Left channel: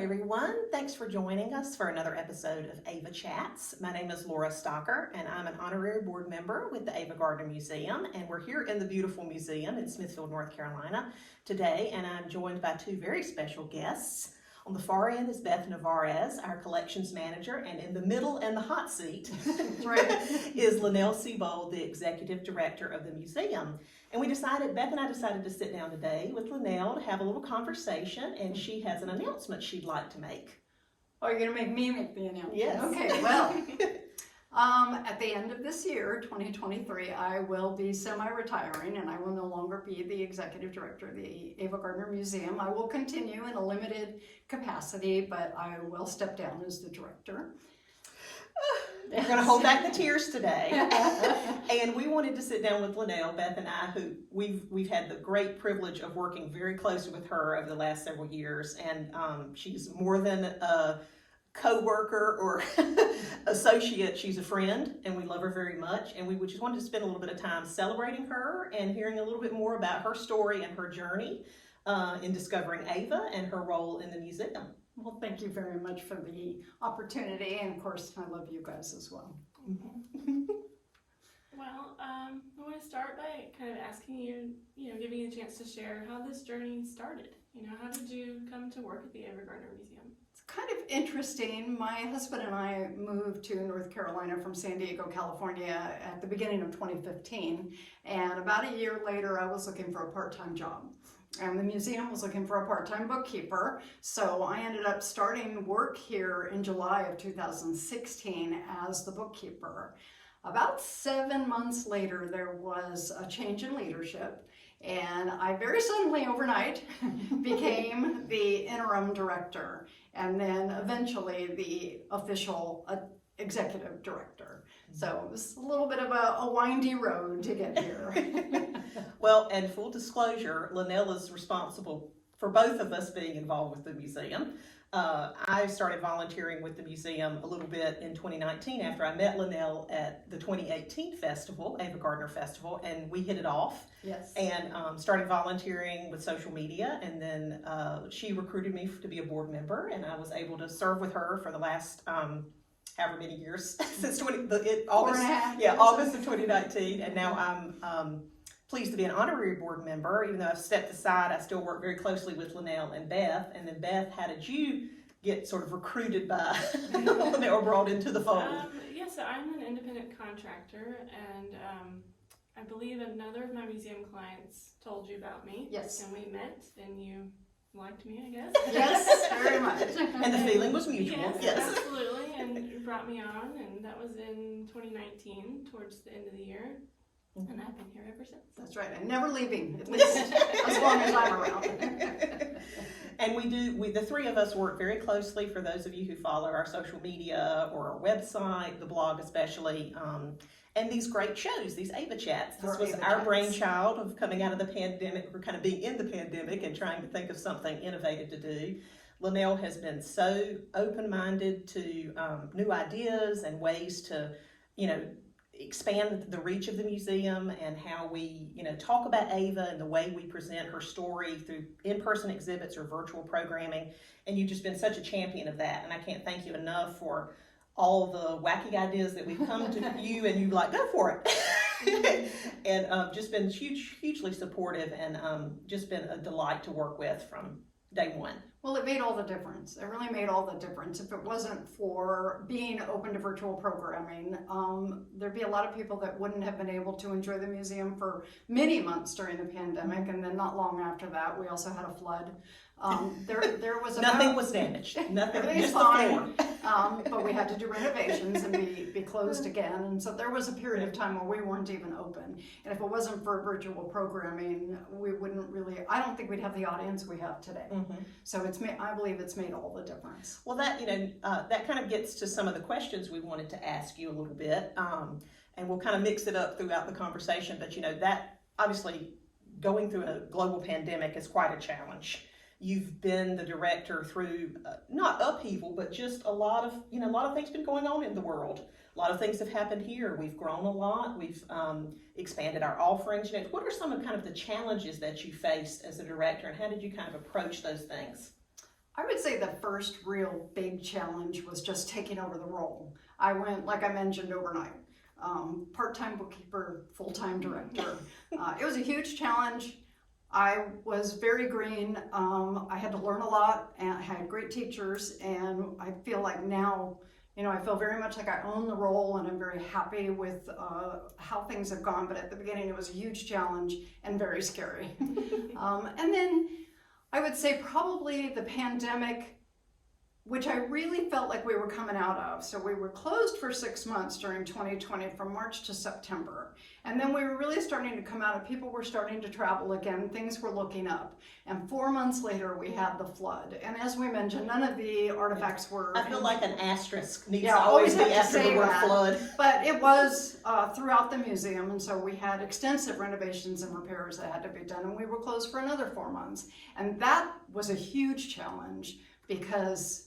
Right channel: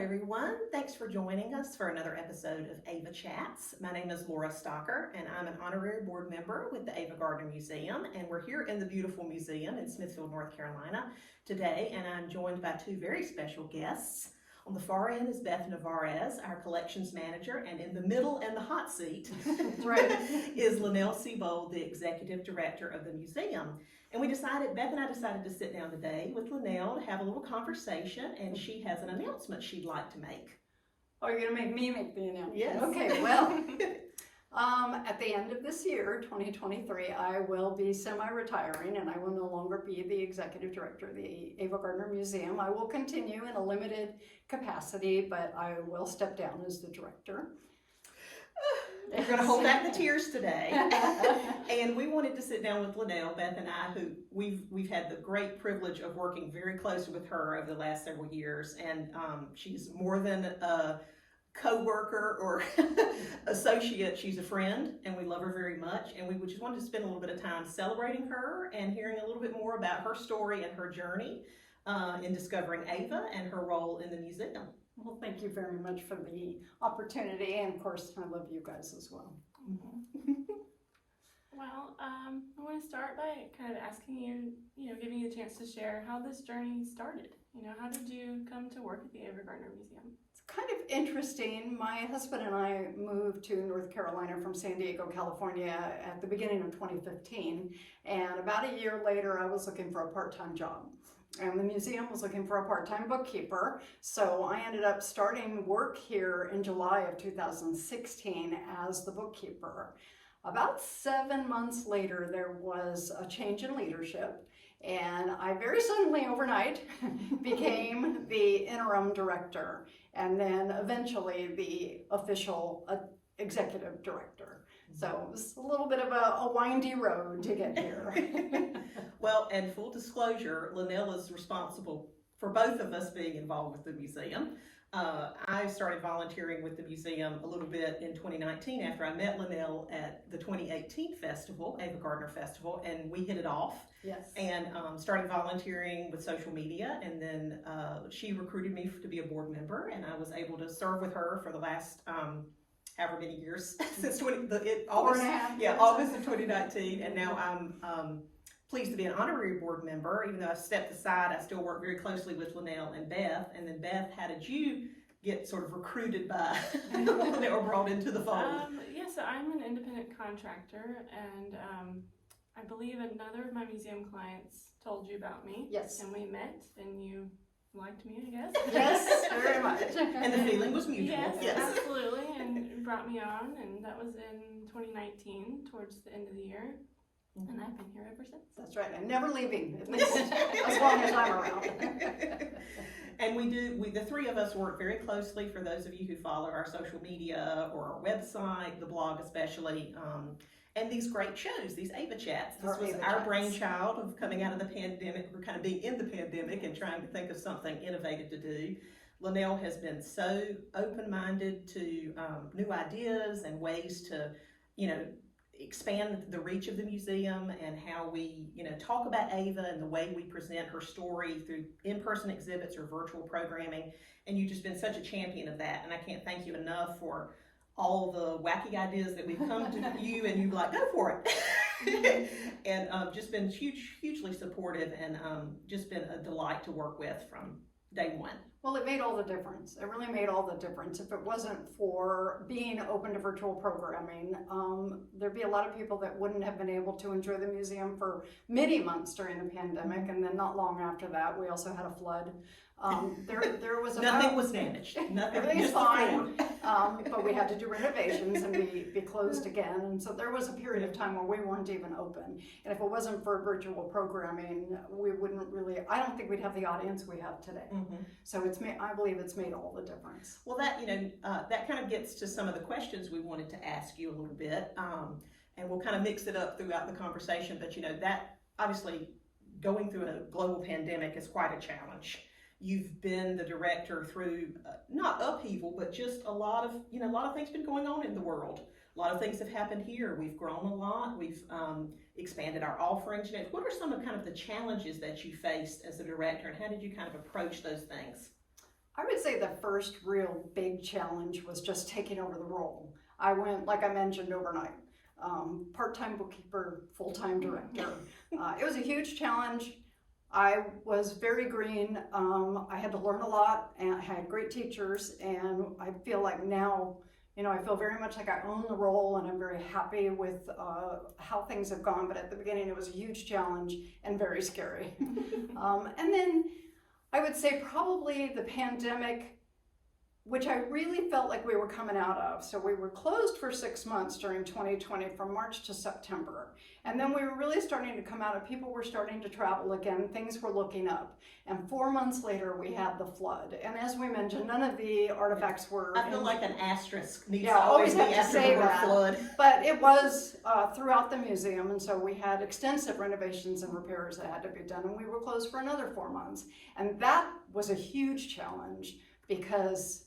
everyone. Thanks for joining us for another episode of Ava Chats. My name is Lora Stocker, and I'm an honorary board member with the Ava Gardner Museum, and we're here in the beautiful museum in Smithfield, North Carolina today, and I'm joined by two very special guests. On the far end is Beth Nevarez, our collections manager, and in the middle in the hot seat is Lynell Seabold, the executive director of the museum. And Beth and I decided to sit down today with Lynell to have a little conversation, and she has an announcement she'd like to make. Oh, you're going to make me make the announcement? Yes. Okay, well, at the end of this year, 2023, I will be semi-retiring, and I will no longer be the executive director of the Ava Gardner Museum. I will continue in a limited capacity, but I will step down as the director. We're going to hold back the tears today. And we wanted to sit down with Lynell, Beth and I, who we've had the great privilege of working very closely with her over the last several years. And she's more than a co-worker or associate. She's a friend, and we love her very much. And we just wanted to spend a little bit of time celebrating her and hearing a little bit more about her story and her journey in discovering Ava and her role in the museum. Well, thank you very much for the opportunity, and of course, I love you guys as well. Well, I want to start by kind of asking you, giving you a chance to share how this journey started. How did you come to work at the Ava Gardner Museum? It's kind of interesting. My husband and I moved to North Carolina from San Diego, California at the beginning of 2015, and about a year later, I was looking for a part-time job. And the museum was looking for a part-time bookkeeper, so I ended up starting work here in July of 2016 as the bookkeeper. About 7 months later, there was a change in leadership, and I very suddenly overnight became the interim director, and then eventually the official executive director. So it was a little bit of a windy road to get here. Well, and full disclosure, Lynell is responsible for both of us being involved with the museum. I started volunteering with the museum a little bit in 2019 after I met Lynell at the 2018 festival, Ava Gardner Festival, and we hit it off. Yes. And started volunteering with social media, and then she recruited me to be a board member, and I was able to serve with her for the last however many years since August of 2019, and now I'm pleased to be an honorary board member. Even though I've stepped aside, I still work very closely with Lynell and Beth. And then Beth, how did you get sort of recruited by or brought into the fold? So I'm an independent contractor, and I believe another of my museum clients told you about me. Yes. And we met, and you liked me, I guess. Yes, very much. And the feeling was mutual. Yes, absolutely, and brought me on, and that was in 2019, towards the end of the year. And I've been here ever since. That's right. I'm never leaving, at least as long as I'm around. And the three of us work very closely, for those of you who follow our social media or our website, the blog especially, and these great shows, these Ava Chats. This was our brainchild of coming out of the pandemic, or kind of being in the pandemic and trying to think of something innovative to do. Lynell has been so open-minded to new ideas and ways to, expand the reach of the museum and how we, talk about Ava and the way we present her story through in-person exhibits or virtual programming. And you've just been such a champion of that. And I can't thank you enough for all the wacky ideas that we've come to you, and you go for it. And just been hugely supportive, and just been a delight to work with from day one. Well, it made all the difference. It really made all the difference. If it wasn't for being open to virtual programming, there'd be a lot of people that wouldn't have been able to enjoy the museum for many months during the pandemic, and then not long after that, we also had a flood. There was nothing was damaged. Everything's fine, but we had to do renovations and be closed again, and so there was a period of time where we weren't even open. And if it wasn't for virtual programming, we wouldn't really. I don't think we'd have the audience we have today. So I believe it's made all the difference. Well, that that kind of gets to some of the questions we wanted to ask you a little bit, and we'll kind of mix it up throughout the conversation. But that obviously going through a global pandemic is quite a challenge. You've been the director through not upheaval, but just a lot of things been going on in the world. A lot of things have happened here. We've grown a lot. We've expanded our offerings. What are some of kind of the challenges that you faced as a director, and how did you kind of approach those things? I would say the first real big challenge was just taking over the role. I went, like I mentioned, overnight. Part-time bookkeeper, full-time director. It was a huge challenge. I was very green. I had to learn a lot, and I had great teachers, and I feel like now, I feel very much like I own the role, and I'm very happy with how things have gone, but at the beginning it was a huge challenge and very scary. And then I would say probably the pandemic, which I really felt like we were coming out of. So we were closed for 6 months during 2020 from March to September. And then we were really starting to come out of, people were starting to travel again, things were looking up. And 4 months later, we had the flood. And as we mentioned, none of the artifacts were... I feel like an asterisk needs Yeah, to always be have to after say the word that. flood. But it was throughout the museum, and so we had extensive renovations and repairs that had to be done, and we were closed for another 4 months. And that was a huge challenge because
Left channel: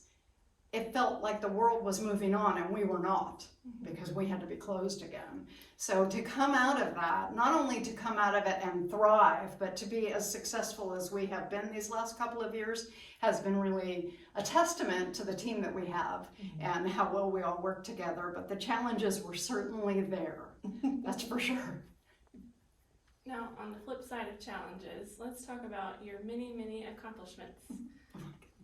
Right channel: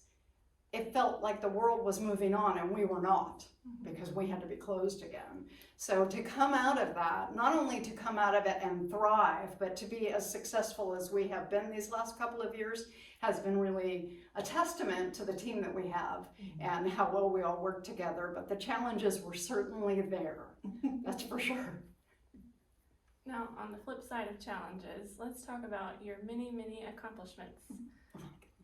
it felt like the world was moving on and we were not, because we had to be closed again. So to come out of that, not only to come out of it and thrive, but to be as successful as we have been these last couple of years has been really a testament to the team that we have and how well we all work together. But the challenges were certainly there, that's for sure. Now, on the flip side of challenges, let's talk about your many, many accomplishments.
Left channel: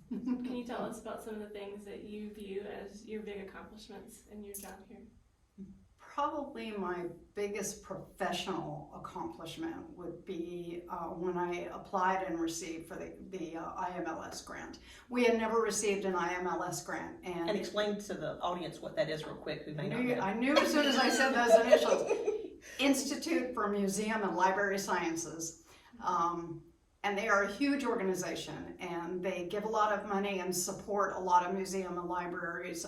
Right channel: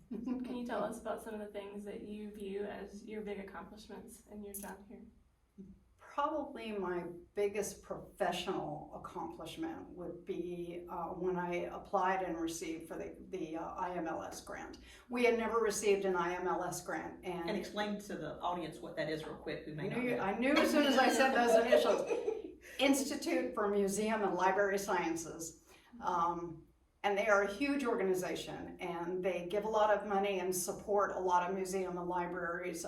Can you tell us about some of the things that you view as your big accomplishments in your job here? Probably my biggest professional accomplishment would be when I applied and received for the IMLS grant. We had never received an IMLS grant. And explain to the audience what that is real quick. Who may not know. I knew as soon as I said those initials. Institute for Museum and Library Sciences. And they are a huge organization, and they give a lot of money and support a lot of museum and libraries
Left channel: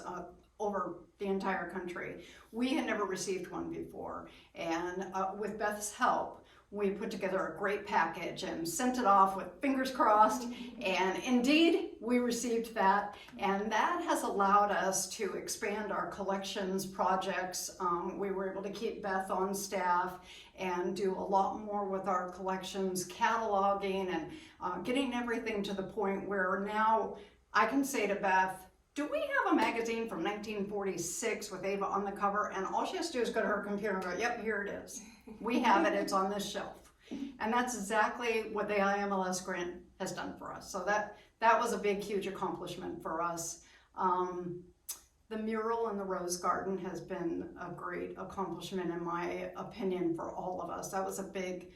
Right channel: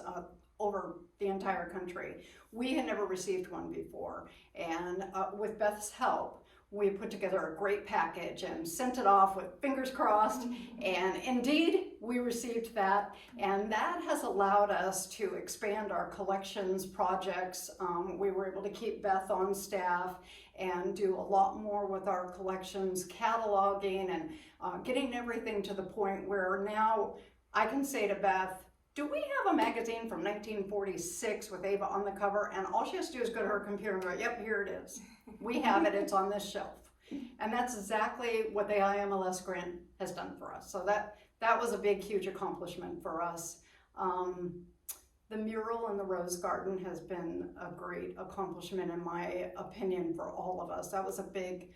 over the entire country. We had never received one before, and with Beth's help, we put together a great package and sent it off with fingers crossed, and indeed we received that, and that has allowed us to expand our collections projects. We were able to keep Beth on staff and do a lot more with our collections, cataloging and getting everything to the point where now I can say to Beth, do we have a magazine from 1946 with Ava on the cover? And all she has to do is go to her computer and go, yep, here it is. We have it, it's on this shelf. And that's exactly what the IMLS grant has done for us. So that was a big, huge accomplishment for us. The mural in the Rose Garden has been a great accomplishment in my opinion for all of us. That was a big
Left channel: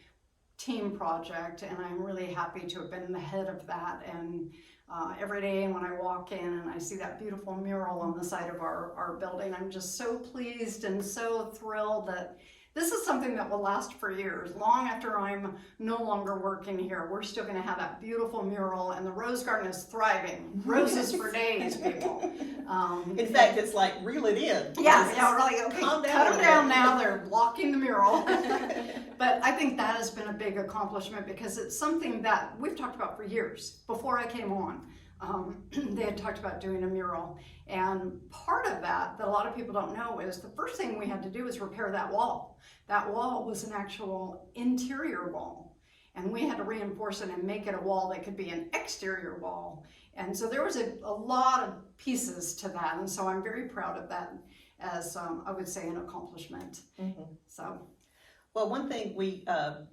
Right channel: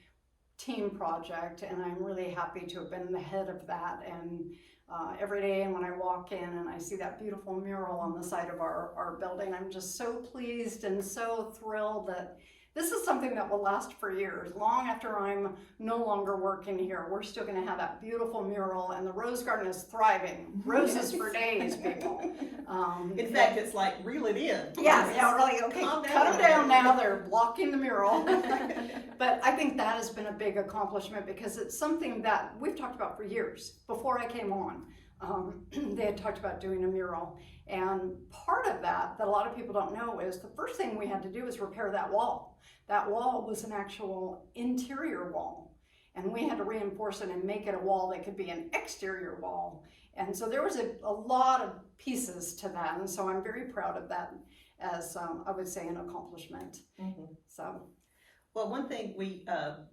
team project, and I'm really happy to have been the head of that. And every day when I walk in and I see that beautiful mural on the side of our building, I'm just so pleased and so thrilled that this is something that will last for years. Long after I'm no longer working here, we're still going to have that beautiful mural, and the Rose Garden is thriving. Roses for days, people. In fact, it's like, reel it in. Yeah, really, okay, Calm cut them down down. now, they're blocking the mural. But I think that has been a big accomplishment because it's something that we've talked about for years. Before I came on, they had talked about doing a mural. And part of that a lot of people don't know is the first thing we had to do was repair that wall. That wall was an actual interior wall, and we had to reinforce it and make it a wall that could be an exterior wall. And so there was a lot of pieces to that, and so I'm very proud of that as I would say an accomplishment. So, well, one thing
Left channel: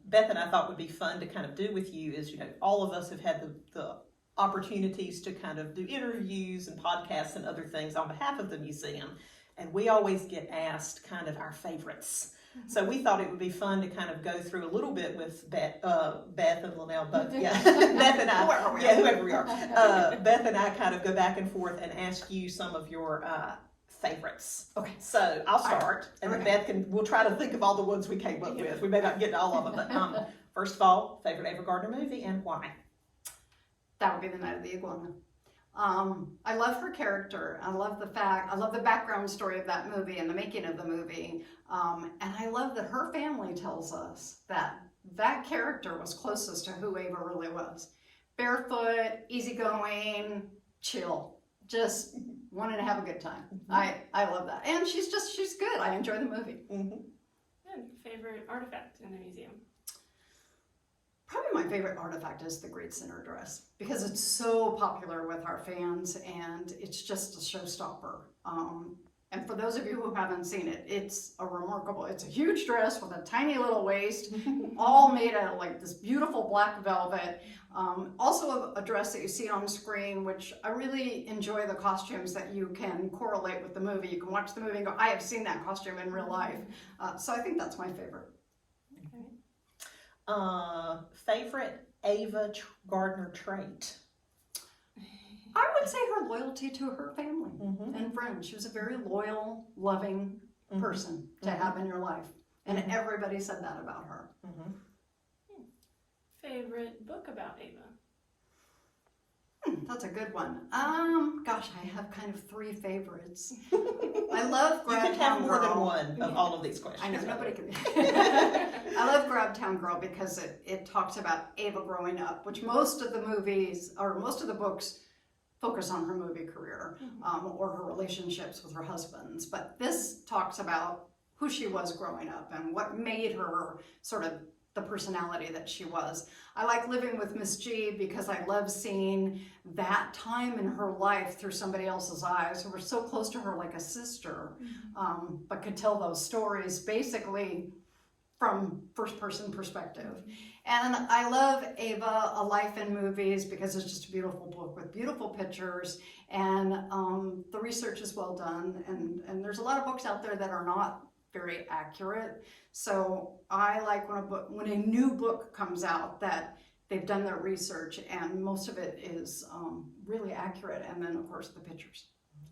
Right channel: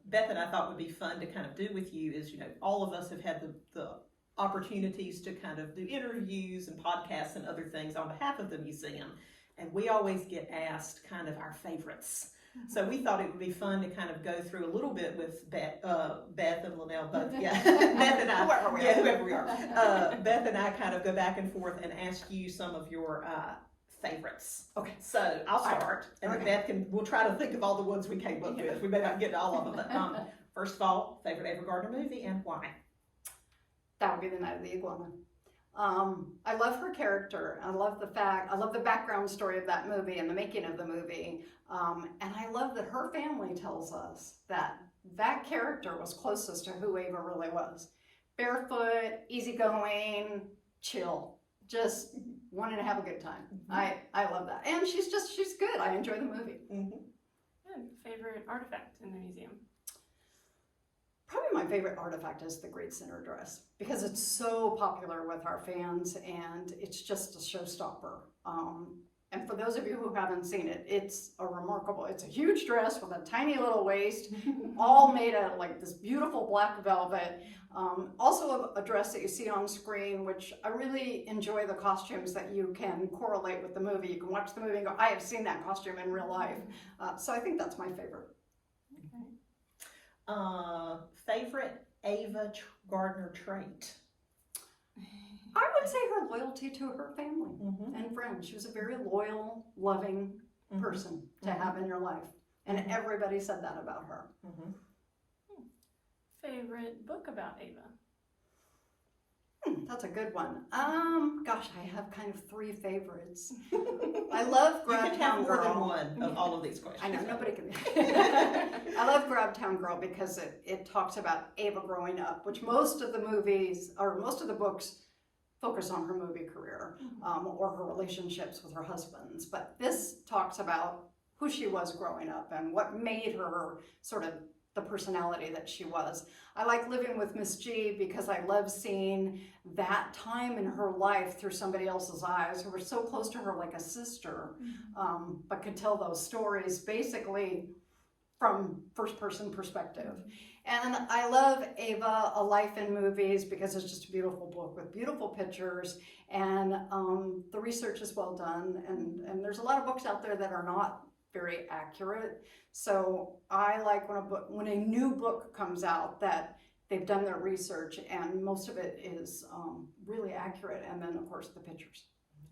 Beth and I thought would be fun to kind of do with you is, all of us have had the opportunities to kind of do interviews and podcasts and other things on behalf of the museum, and we always get asked kind of our favorites. So we thought it would be fun to kind of go through a little bit with Beth and Lynell, both, yeah, Beth and I, whoever we are. Beth and I kind of go back and forth and ask you some of your favorites. Okay. So I'll start, and then Beth we'll try to think of all the ones we came up with. We may not get to all of them, but first of all, favorite Ava Gardner movie and why? That would be The Night of the Iguana. I love her character. I love the background story of that movie and the making of the movie. And I love that her family tells us that character was closest to who Ava really was. Barefoot, easygoing, chill, just wanting to have a good time. I love that. And she's good. I enjoy the movie. Good. Favorite artifact in the museum? Probably my favorite artifact is the Great Center dress because it's so popular with our fans and it's just a showstopper. And for those of you who haven't seen it, it's a huge dress with a tiny little waist, all made out of like this beautiful black velvet. Also a dress that you see on screen, which I really enjoy the costumes that you can correlate with the movie. You can watch the movie and go, I have seen that costume in real life. So I think that's my favorite. Okay. Favorite Ava Gardner trait? I would say her loyalty to her family and friends. She was a very loyal, loving person to have in your life. And everybody said that about her. Favorite book about Ava? That's a good one. Gosh, I have kind of three favorites. I love You Grab can have Town more Girl. than one of all of these questions. I know, nobody can. I love Grab Town Girl because it talks about Ava growing up, which most of the movies, or most of the books, focus on her movie career or her relationships with her husbands. But this talks about who she was growing up and what made her sort of the personality that she was. I like Living with Miss G because I love seeing that time in her life through somebody else's eyes who were so close to her like a sister, but could tell those stories basically from first-person perspective. And I love Ava, A Life in Movies, because it's just a beautiful book with beautiful pictures, and the research is well done, and there's a lot of books out there that are not very accurate. So I like when a new book comes out that they've done their research and most of it is really accurate, and then of course the pictures.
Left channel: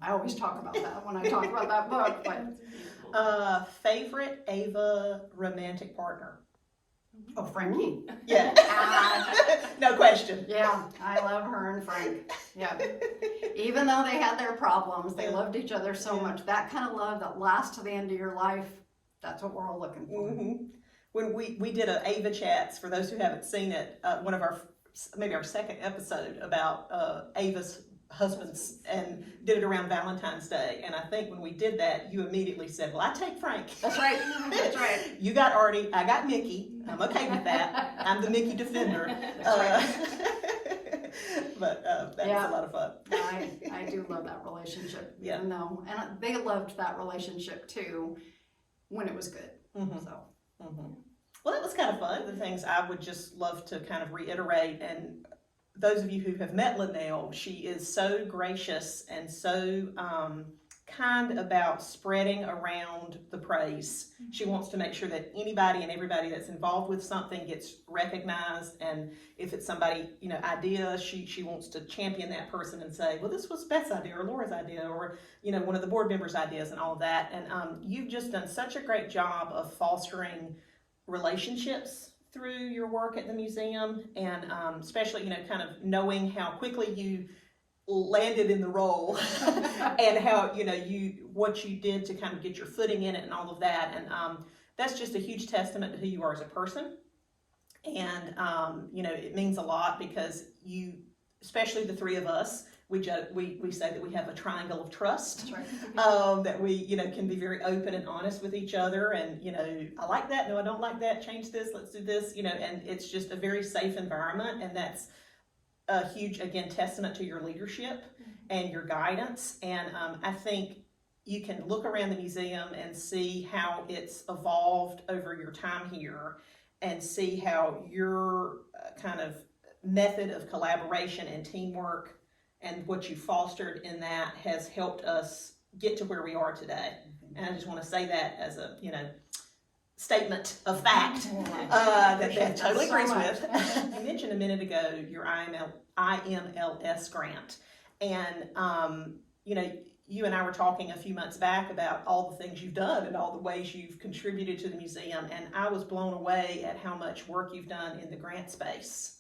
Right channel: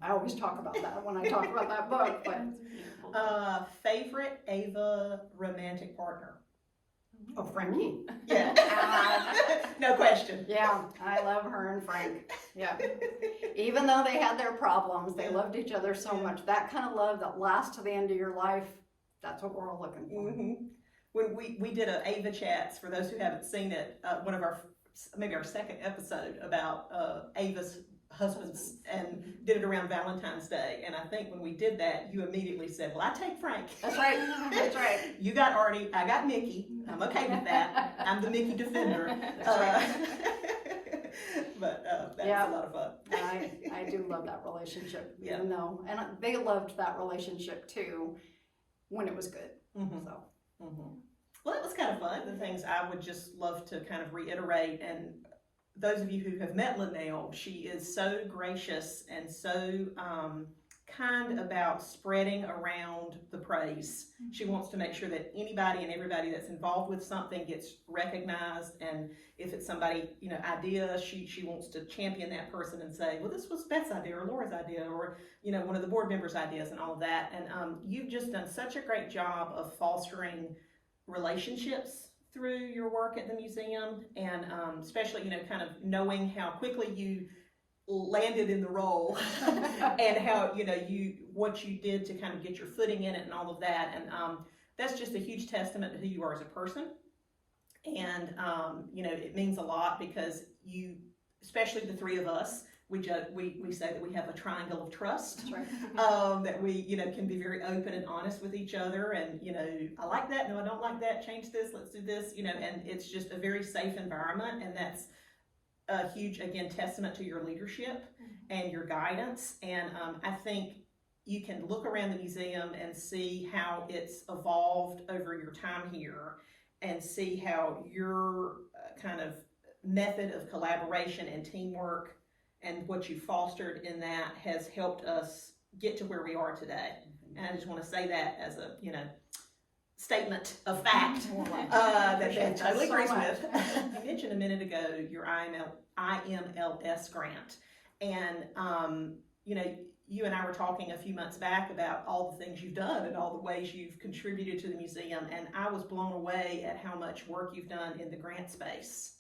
I always talk about that when I talk about that book. But Favorite Ava romantic partner? oh, Frankie. Yeah. No question. Yeah, I love her and Frank. Yeah. Even though they had their problems, they loved each other so much. That kind of love that lasts to the end of your life, that's what we're all looking for. When we did a Ava Chats, for those who haven't seen it, one of maybe our second episode about Ava's husbands, and did it around Valentine's Day. And I think when we did that, you immediately said, well, I take Frank. That's right. That's right. You got Artie, I got Mickey. I'm okay with that. I'm the Mickey defender. But that was a lot of fun. I do love that relationship, even though, and they loved that relationship too when it was good. So. Well, that was kind of fun. The things I would just love to kind of reiterate, and those of you who have met Lynell, she is so gracious and so kind about spreading around the praise. She wants to make sure that anybody and everybody that's involved with something gets recognized, and if it's somebody, idea, she wants to champion that person and say, well, this was Beth's idea or Laura's idea or, one of the board members' ideas and all of that. And you've just done such a great job of fostering relationships through your work at the museum, and especially, kind of knowing how quickly you landed in the role and how, what you did to kind of get your footing in it and all of that. And that's just a huge testament to who you are as a person. And, it means a lot because you, especially the three of us, we say that we have a triangle of trust. That's right. That we, can be very open and honest with each other, and, I like that, no, I don't like that, change this, let's do this, and it's just a very safe environment, and that's a huge, again, testament to your leadership and your guidance. And I think you can look around the museum and see how it's evolved over your time here, and see how your kind of method of collaboration and teamwork and what you fostered in that has helped us get to where we are today. And I just want to say that as a, statement of fact that Beth totally agrees with. You mentioned a minute ago your IMLS grant. And, you and I were talking a few months back about all the things you've done and all the ways you've contributed to the museum. And I was blown away at how much work you've done in the grant space.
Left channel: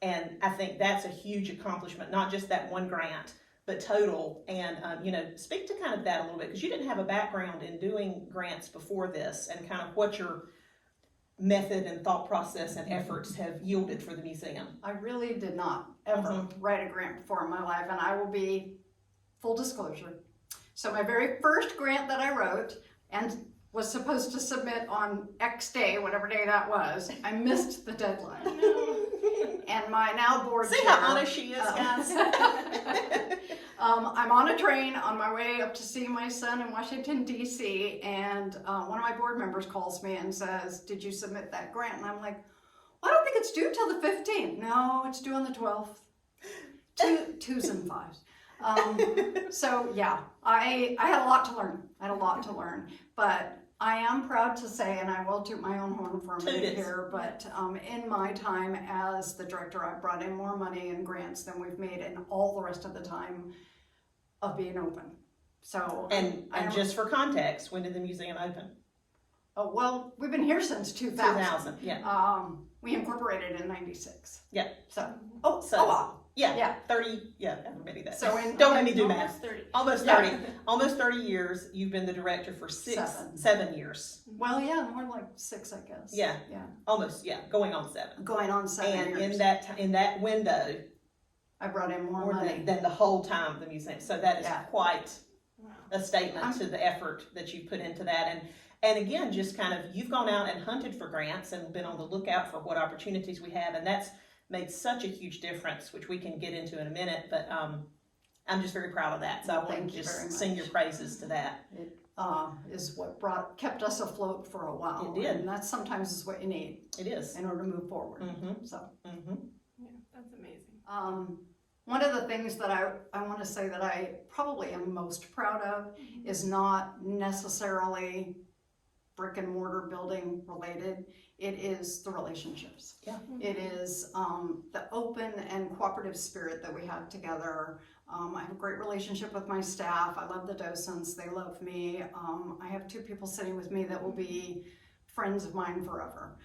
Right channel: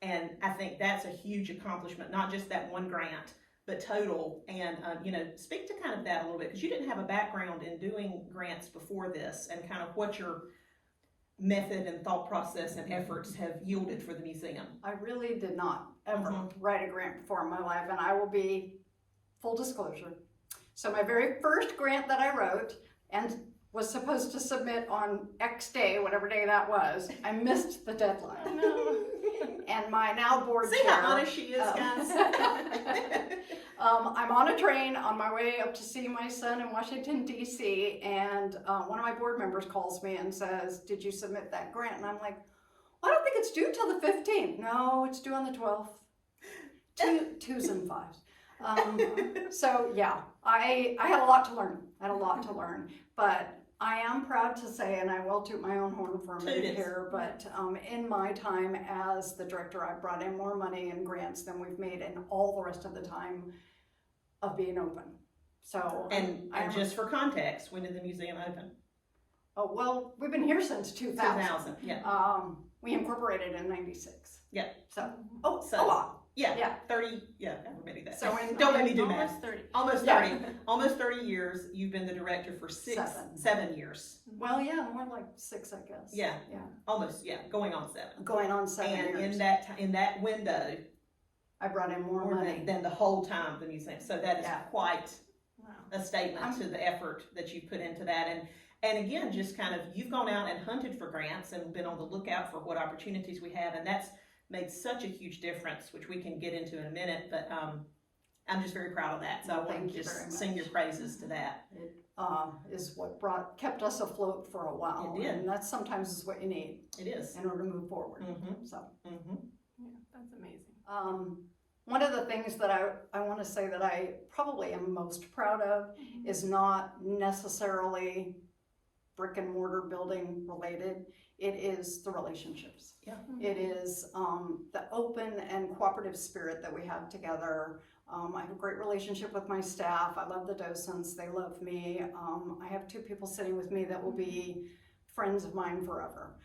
And I think that's a huge accomplishment, not just that one grant, but total. And, speak to kind of that a little bit, because you didn't have a background in doing grants before this, and kind of what your method and thought process and efforts have yielded for the museum. I really did not ever write a grant before in my life, and I will be full disclosure. So my very first grant that I wrote and was supposed to submit on X day, whatever day that was, I missed the deadline. And my now board See chair. how honest she is, guys. I'm on a train on my way up to see my son in Washington, D.C., and one of my board members calls me and says, "Did you submit that grant?" And I'm like, "Well, I don't think it's due till the 15th. No, it's due on the 12th. Twos and fives. So yeah, I had a lot to learn. But I am proud to say, and I will toot my own horn for a minute here, but in my time as the director, I've brought in more money and grants than we've made in all the rest of the time of being open. So And just for context, when did the museum open? Oh, well, we've been here since 2000. 2000, yeah. We incorporated in 96. Yeah. So, So- a lot. Yeah, 30, yeah, everybody does. So Don't make me do math. Almost 30. Almost 30. Almost 30 years. You've been the director for 7 years. Well, yeah, more like 6, I guess. Yeah. Yeah. Almost, yeah, going on 7. Going on 7 And years. in that window, I brought in more more money. than the whole time of the museum. So that is Yeah. quite Wow. a statement to the effort that you put into that. And again, just kind of, you've gone out and hunted for grants and been on the lookout for what opportunities we have, and that's made such a huge difference, which we can get into in a minute, but I'm just very proud of that. So I want Thank to you very just much. sing your praises to that. It is what kept us afloat for a while. It did. And that sometimes is what you need It is. in order to move forward. Mm-hmm. So. Mm-hmm. Yeah, that's amazing. One of the things that I want to say that I probably am most proud of is not necessarily brick and mortar building related. It is the relationships. Yeah. It is the open and cooperative spirit that we have together. I have a great relationship with my staff. I love the docents. They love me. I have 2 people sitting with me that will be friends of mine forever.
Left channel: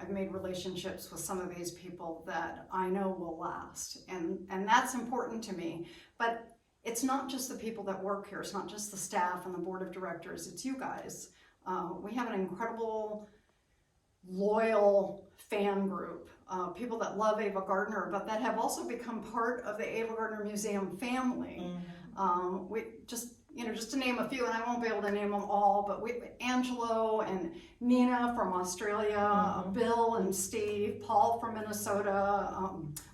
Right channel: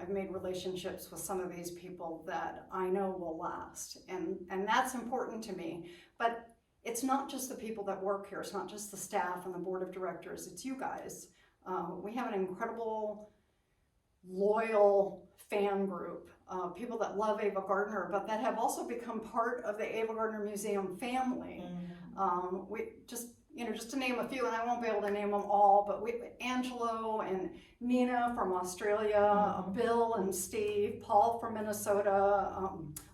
I've made relationships with some of these people that I know will last, and that's important to me. But it's not just the people that work here. It's not just the staff and the board of directors. It's you guys. We have an incredible, loyal fan group, people that love Ava Gardner, but that have also become part of the Ava Gardner Museum family. We just to name a few, and I won't be able to name them all, but Angelo and Nina from Australia, Bill and Steve, Paul from Minnesota,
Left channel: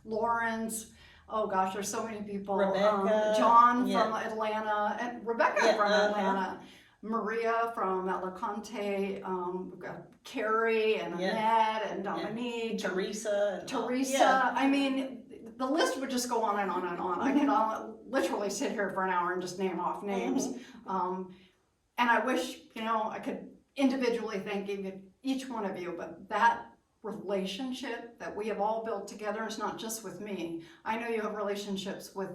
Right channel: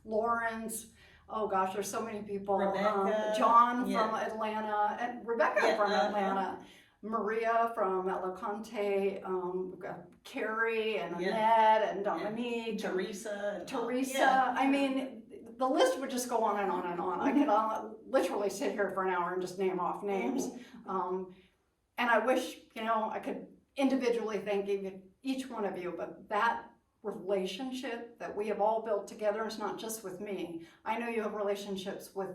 Lawrence. Oh gosh, there's so many people. Rebecca, John from Atlanta, and Rebecca from uh-huh. Atlanta. Maria from Alicante, we've got Carrie and Yeah. Annette and Dominique. and Teresa. Teresa. I mean, the list would just go on and on and on. I could literally sit here for an hour and just name off names. And I wish, I could individually thank each one of you, but that relationship that we have all built together is not just with me. I know you have relationships with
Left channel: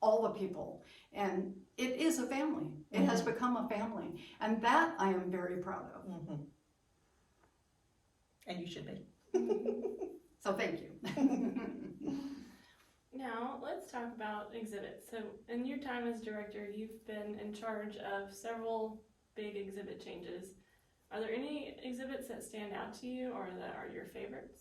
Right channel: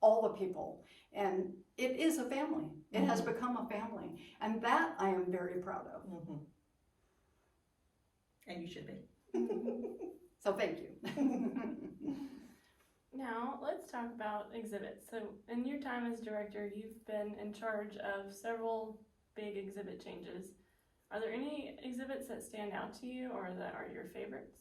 all the people, and it is a family. It has become a family, and that I am very proud of. And you should be. So thank you. Now, let's talk about exhibits. So, in your time as director, you've been in charge of several big exhibit changes. Are there any exhibits that stand out to you or that are your favorites?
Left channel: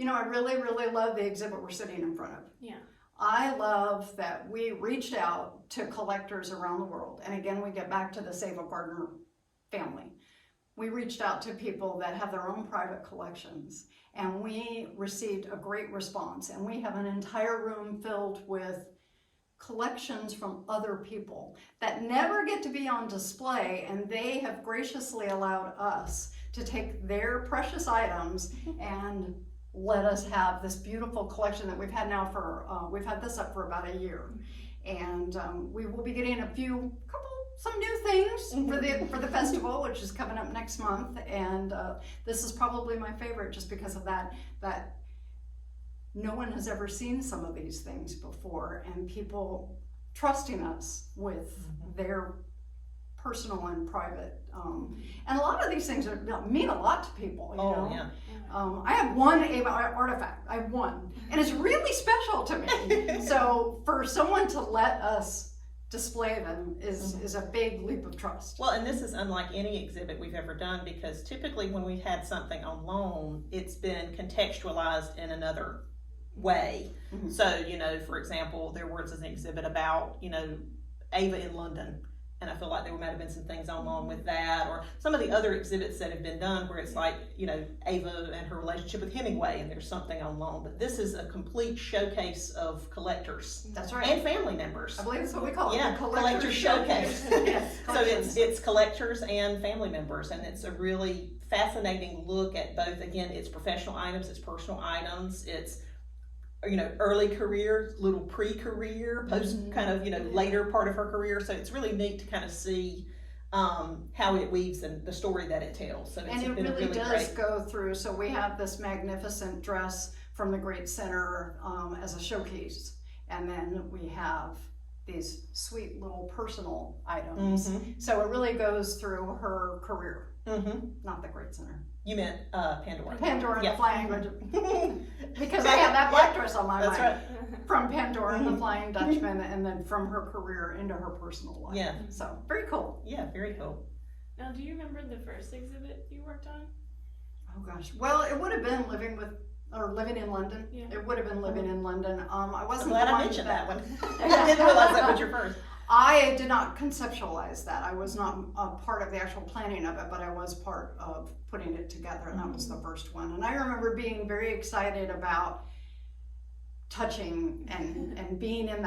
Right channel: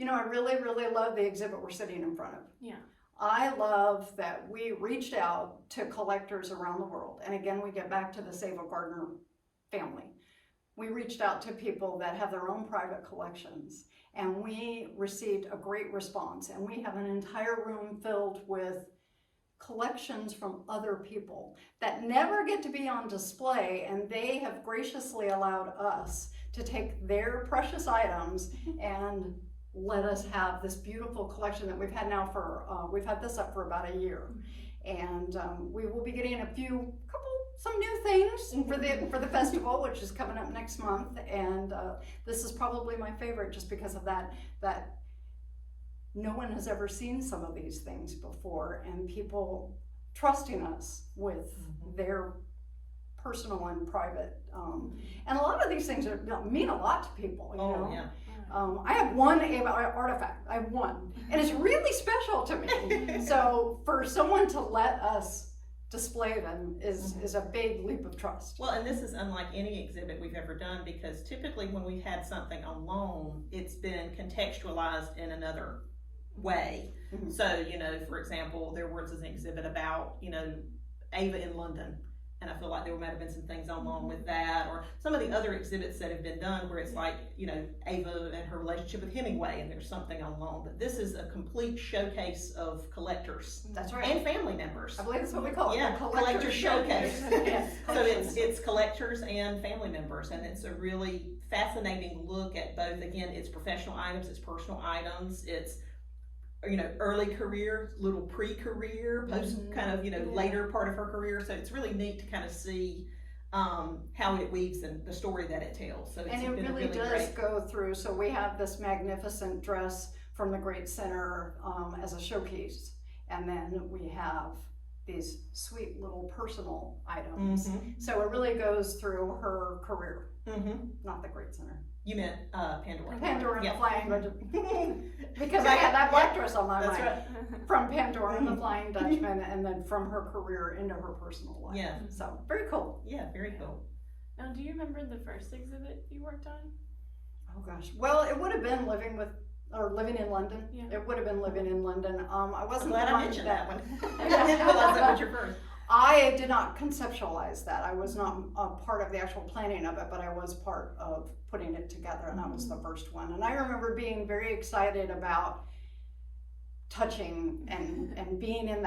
I really, really love the exhibit we're sitting in front of. Yeah. I love that we reached out to collectors around the world. And again, we get back to the Ava Gardner family. We reached out to people that have their own private collections, and we received a great response. And we have an entire room filled with collections from other people that never get to be on display, and they have graciously allowed us to take their precious items and let us have this beautiful collection that we've had now we've had this up for about a year. And we will be getting some new things for the festival, which is coming up next month. And this is probably my favorite just because of that no one has ever seen some of these things before, and people trusting us with their personal and private. And a lot of these things mean a lot to people, you know? Yeah. I have one Ava artifact. I have one, and it's really special to me. So for someone to let us display them is a big leap of trust. Well, and this is unlike any exhibit we've ever done, because typically when we've had something on loan, it's been contextualized in another way. So, for example, there was an exhibit about, Ava in London. and I feel like there might have been some things along with that, or some of the other exhibits that have been done where it's like, you know, Ava and her relationship with Hemingway, and there's something along. But this is a complete showcase of collectors That's right. and family members. I believe that's what we call it. Yeah, the collector showcase. Yes, So it's collectors and family members, and it's a really fascinating look at both. Again, it's professional items, it's personal items, it's, you know, early career, little pre-career, post kind of, you know, later part of her career. So it's really neat to kind of see how it weaves and the story that it tells. So it's And it been really does great. go through. So we have this magnificent dress from the Great Center as a showcase, and then we have these sweet little personal items. So it really goes through her career, not the Great Center. You meant Pandora. Pandora and Yeah. the Flying because I had that black dress on my That's mind. right. From Pandora and the Flying Dutchman, and then from her career into her personal life. Yeah. So very cool. Yeah, very cool. Now, do you remember the first exhibit you worked on? Oh gosh. Well, it would have been living in London. Yeah. It would have been living in London. I I'm wasn't glad the I one mentioned that one. Yeah. I didn't realize that was your first. I did not conceptualize that. I was not a part of the actual planning of it, but I was part of putting it together, and that was the first one. And I remember being very excited about touching and being in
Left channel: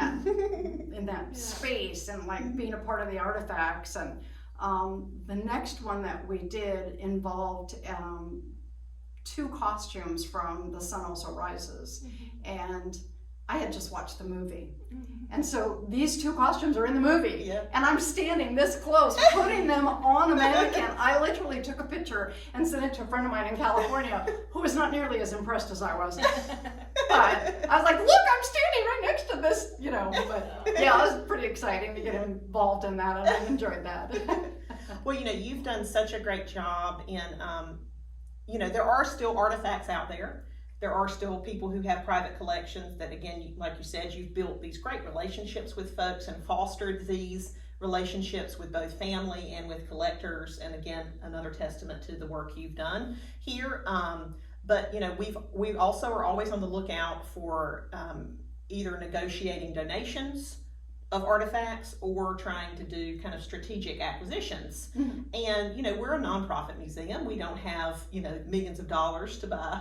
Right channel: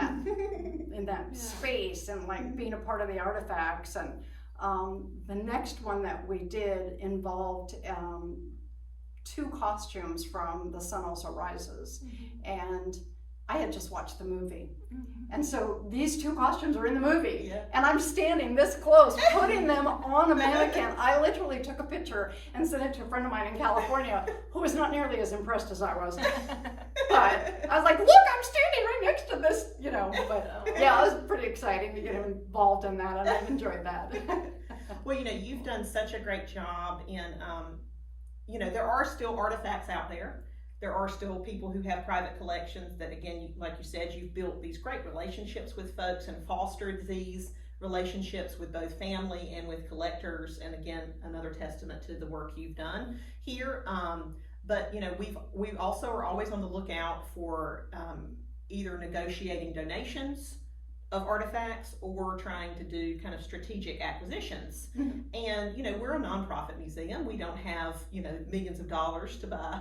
that space, and like being a part of the artifacts. And the next one that we did involved 2 costumes from The Sun Also Rises, and I had just watched the movie. And so these 2 costumes are in the movie, and I'm standing this close, putting them on the mannequin. I literally took a picture and sent it to a friend of mine in California who was not nearly as impressed as I was. But I was like, look, I'm standing right next to this, you know. But yeah, it was pretty exciting to get involved in that, and I enjoyed that. Well, you know, you've done such a great job in, you know, there are still artifacts out there. There are still people who have private collections that, again, like you said, you've built these great relationships with folks and fostered these relationships with both family and with collectors. And again, another testament to the work you've done here. But, you know, we also are always on the lookout for either negotiating donations of artifacts or trying to do kind of strategic acquisitions. And, you know, we're a nonprofit museum. We don't have, you know, millions of dollars to buy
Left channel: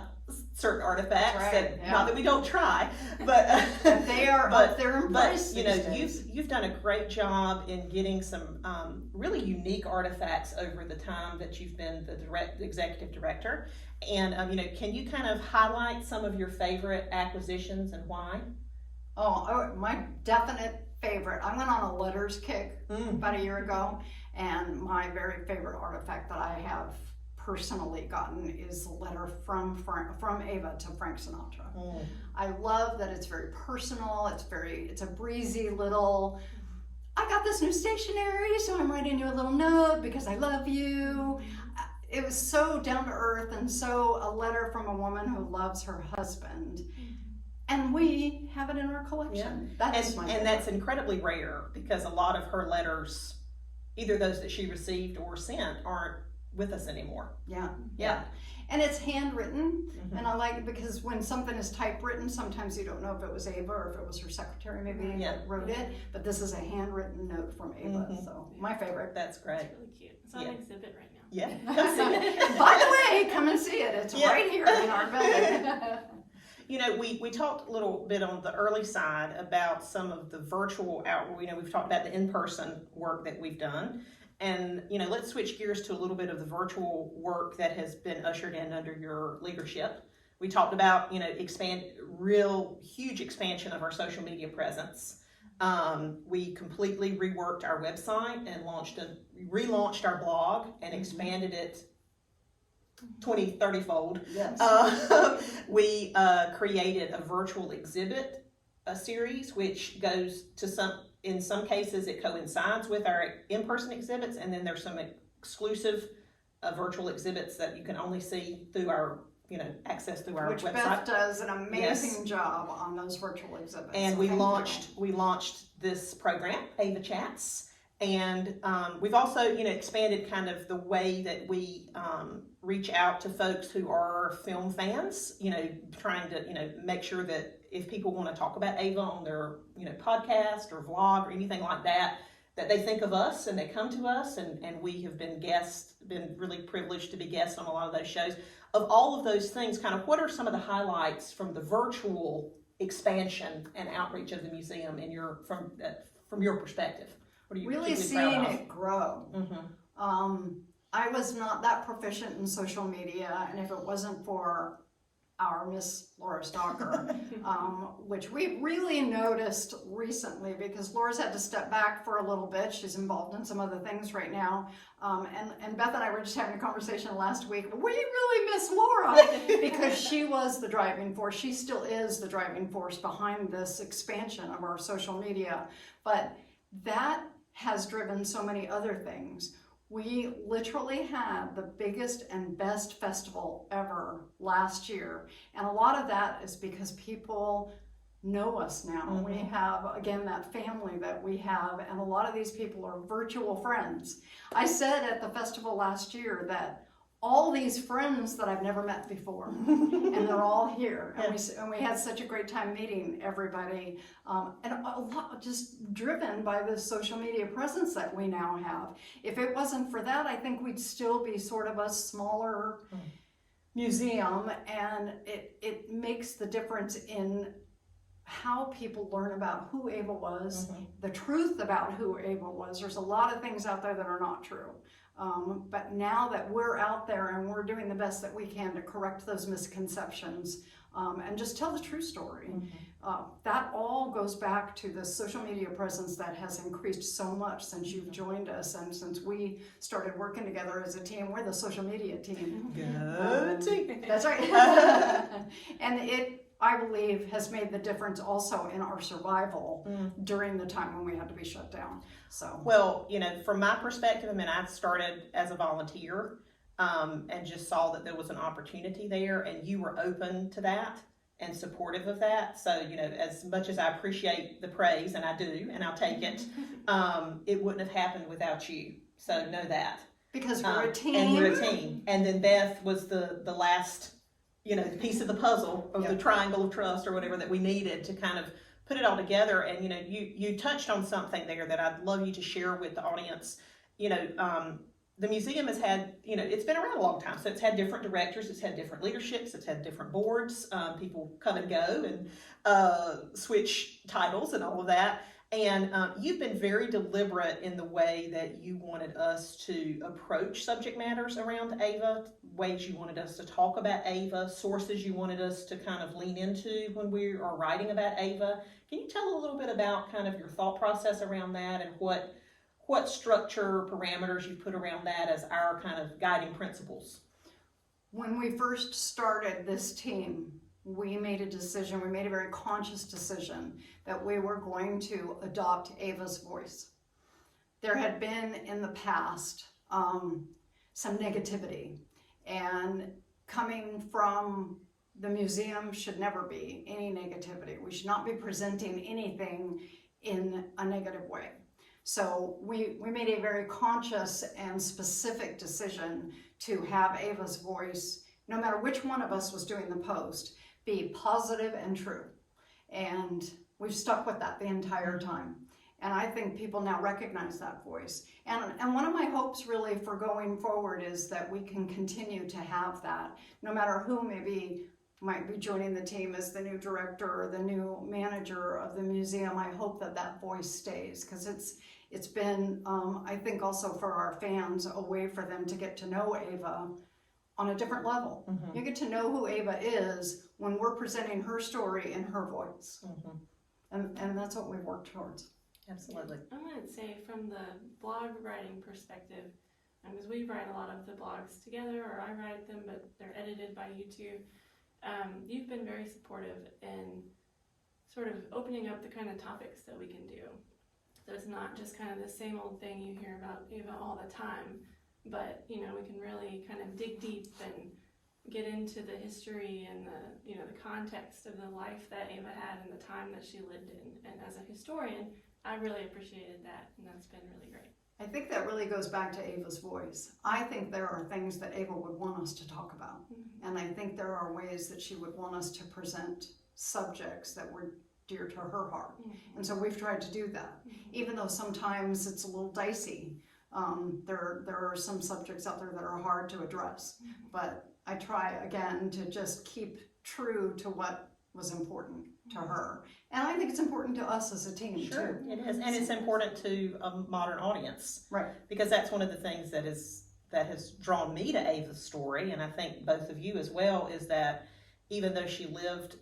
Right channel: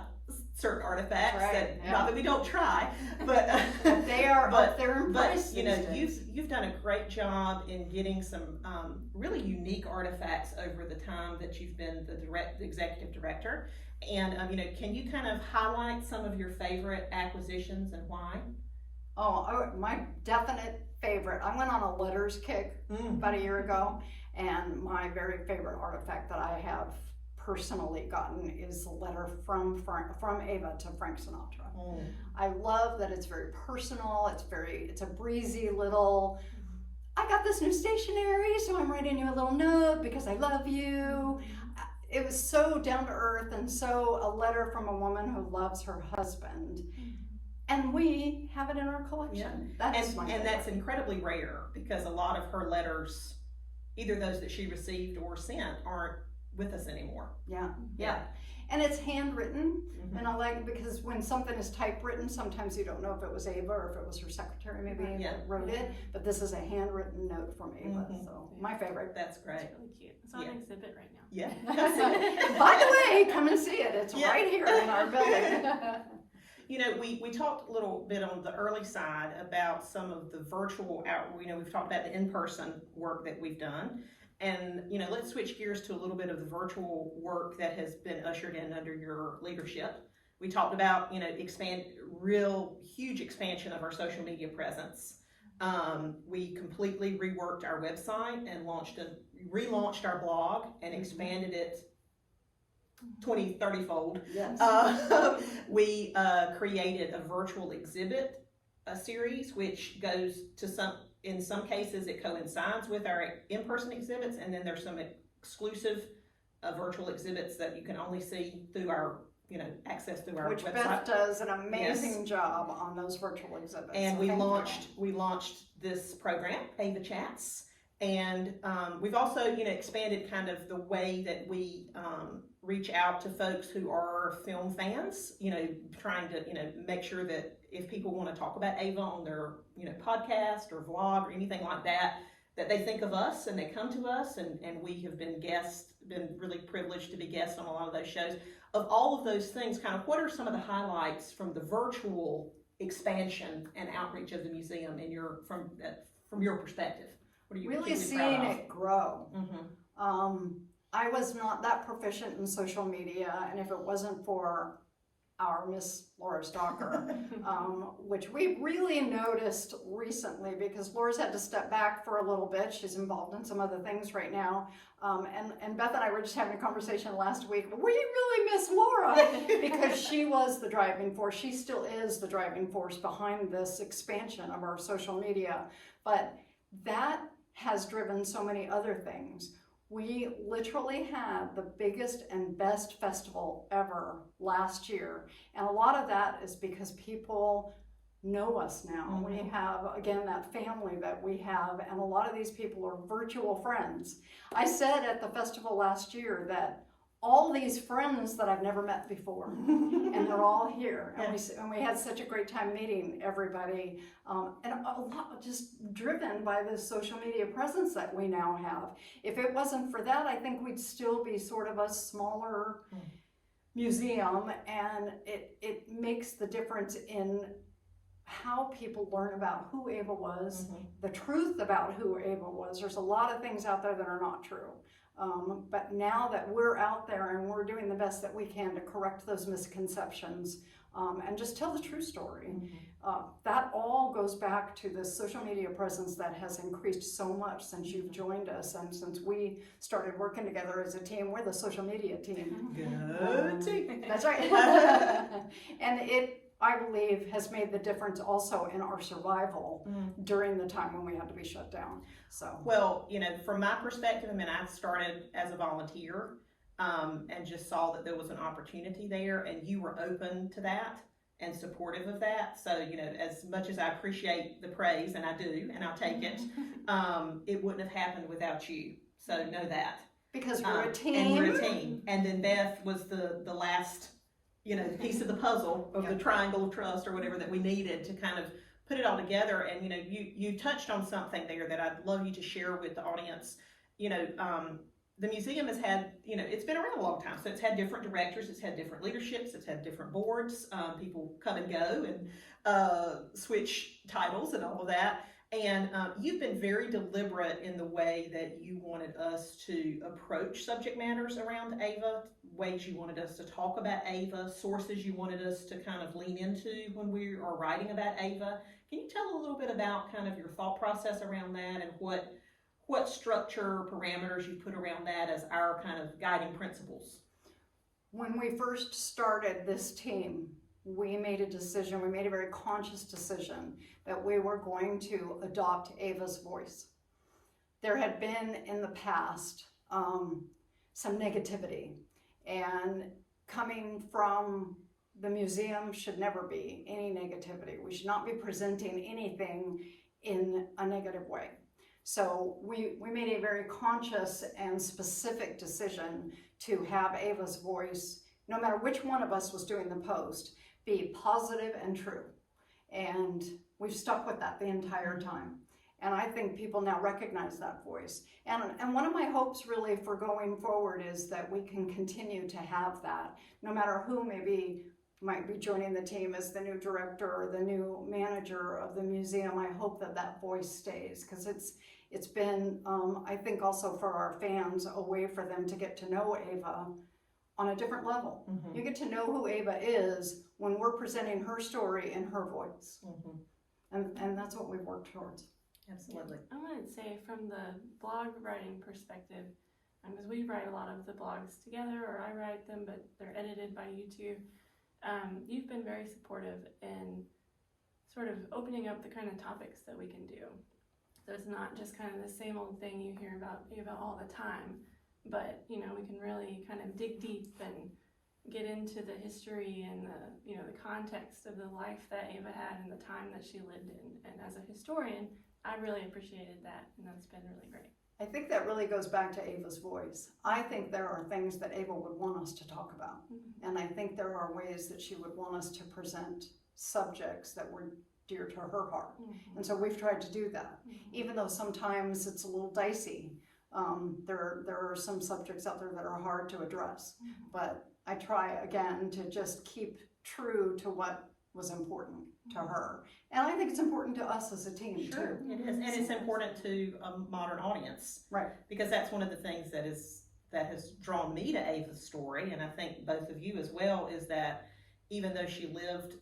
certain artifacts. Not that we don't try, but they are up there in price. But you know, you've done a great job in getting some really unique artifacts over the time that you've been the executive director. And you know, can you kind of highlight some of your favorite acquisitions and why? Oh, my definite favorite. I went on a letters kick about a year ago, and my very favorite artifact that I have personally gotten is a letter from Ava to Frank Sinatra. I love that it's very personal. It's a breezy little, I got this new stationery, so I'm writing you a little note because I love you. It was so down to earth, and so a letter from a woman who loves her husband. And we have it in our collection. Yeah. And that's incredibly rare, because a lot of her letters, either those that she received or sent, aren't with us anymore. Yeah. And it's handwritten, and I like it because when something is typewritten, sometimes you don't know if it was Ava or if it was her secretary maybe that wrote it, but this is a handwritten note from Ava, so my favorite. That's great. It's really cute. It's on exhibit right now. Yeah. By the way, come and see it. It's right here in our building. You know, we talked a little bit on the early side about some of the virtual you know, we've talked about the in-person work that we've done. And, you know, let's switch gears to a little bit of the virtual work that has been ushered in under your leadership. We talked about, you know, real huge expansion of our social media presence. We completely reworked our website and relaunched our blog and expanded it 20, 30-fold. Yes. We created a virtual exhibit series, which goes to in some cases it coincides with our in-person exhibits, and then there's some exclusive virtual exhibits that you can only see through our, you know, access through our website. Beth does an amazing job on those virtual exhibits. And we launched this program, Ava Chats, and we've also, you know, expanded kind of the way that we reach out to folks who are film fans, you know, trying to, you know, make sure that if people want to talk about Ava on their, you know, podcast or vlog or anything like that, that they think of us and they come to us, and we have been really privileged to be guests on a lot of those shows. Of all of those things, kind of what are some of the highlights from the virtual expansion and outreach of the museum from your perspective? What are you Really seeing it grow. Mm-hmm. I was not that proficient in social media, and if it wasn't for our Miss Lora Stocker, which we really noticed recently because Laura's had to step back for a little bit. She's involved in some other things right now. And Beth and I were just having a conversation last week. We really miss Laura because she was the driving force. She still is the driving force behind this expansion of our social media. But that has driven so many other things. We literally had the biggest and best festival ever last year. And a lot of that is because people know us now. Mm-hmm. We have, again, that family that we have, and a lot of these people are virtual friends. I said at the festival last year that all these friends that I've never met before, and they're all here. And we had such a great time meeting everybody, and a lot just driven by the social media presence that we now have. If it wasn't for that, I think we'd still be sort of a smaller museum, and it makes the difference in how people learn about who Ava was, the truth about who Ava was. There's a lot of things out there that are not true. But now that we're out there and we're doing the best that we can to correct those misconceptions and just tell the true story, that all goes back to the social media presence that has increased so much since you've joined us and since we started working together as a team. We're the social media team. Good team. That's right. And it, I believe, has made the difference also in our survival during the time when we had to be shut down. So, well, from my perspective, I started as a volunteer and just saw that there was an opportunity there, and you were open to that and supportive of that. So, as much as I appreciate the praise, and I do, and I'll take it, it wouldn't have happened without you. So know that. Because we're a team. And we're a team. And then Beth was the last piece of the puzzle of the triangle of trust or whatever that we needed to kind of put it all together. And, you touched on something there that I'd love you to share with the audience. The museum has had, it's been around a long time. So it's had different directors, it's had different leaderships, it's had different boards. People come and go and switch titles and all of that. And you've been very deliberate in the way that you wanted us to approach subject matters around Ava, ways you wanted us to talk about Ava, sources you wanted us to kind of lean into when we are writing about Ava. Can you tell a little bit about kind of your thought process around that and what structure, parameters you put around that as our kind of guiding principles? When we first started this team, we made a very conscious decision that we were going to adopt Ava's voice. There had been in the past some negativity, and coming from the museum should never be any negativity. We should not be presenting anything in a negative way. So we made a very conscious and specific decision to have Ava's voice, no matter which one of us was doing the post, be positive and true. And we've stuck with that the entire time. And I think people now recognize that voice. And one of my hopes really for going forward is that we can continue to have that, no matter who might be joining the team as the new director or the new manager of the museum. I hope that voice stays, because it's been, I think also for our fans, a way for them to get to know Ava on a different level. You get to know who Ava is when we're presenting her story in her voice. And that's what we've worked towards. Absolutely. I want to say from the blog writing perspective, because we write a lot of the blogs together, or I write them, but they're edited by you two. You've been very supportive in sort of opening up the kind of topics that we can do. So it's not just kind of the same old thing you hear about Ava all the time, but we can really kind of dig deep and get into the history and the context of the life that Ava had and the time that she lived in. And as a historian, I really appreciated that, and that's been really great. I think that really goes back to Ava's voice. I think there are things that Ava would want us to talk about. And I think there are ways that she would want us to present subjects that were dear to her heart. And so we've tried to do that, even though sometimes it's a little dicey. There are some subjects out there that are hard to address, but I try again to just keep true to what was important to her. And I think it's important to us as a team Sure, too. it is, and it's important to a modern audience. Right. Because that's one of the things that has drawn me to Ava's story, and I think both of you as well, is that even though she lived,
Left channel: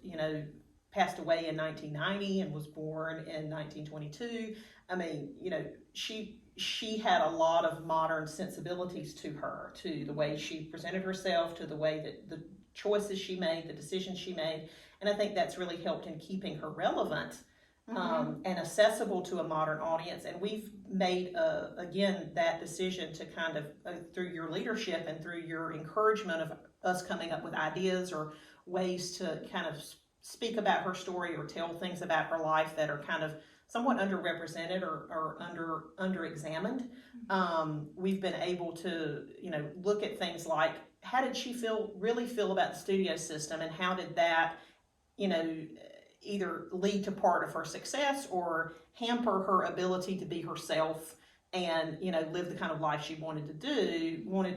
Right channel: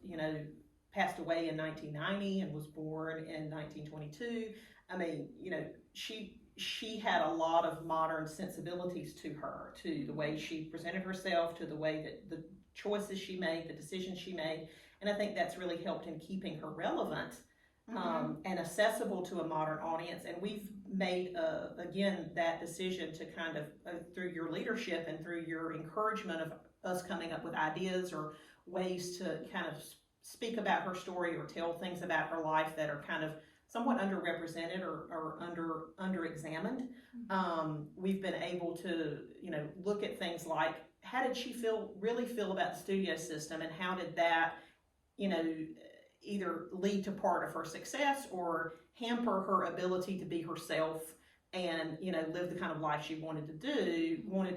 passed away in 1990 and was born in 1922, I mean, she had a lot of modern sensibilities to her, to the way she presented herself, to the way that the choices she made, the decisions she made, and I think that's really helped in keeping her relevant and accessible to a modern audience. And we've made, again, that decision to kind of, through your leadership and through your encouragement of us coming up with ideas or ways to kind of speak about her story or tell things about her life that are kind of somewhat underrepresented or under-examined. We've been able to, look at things like, how did she really feel about the studio system, and how did that, either lead to part of her success or hamper her ability to be herself and, live the kind of life she wanted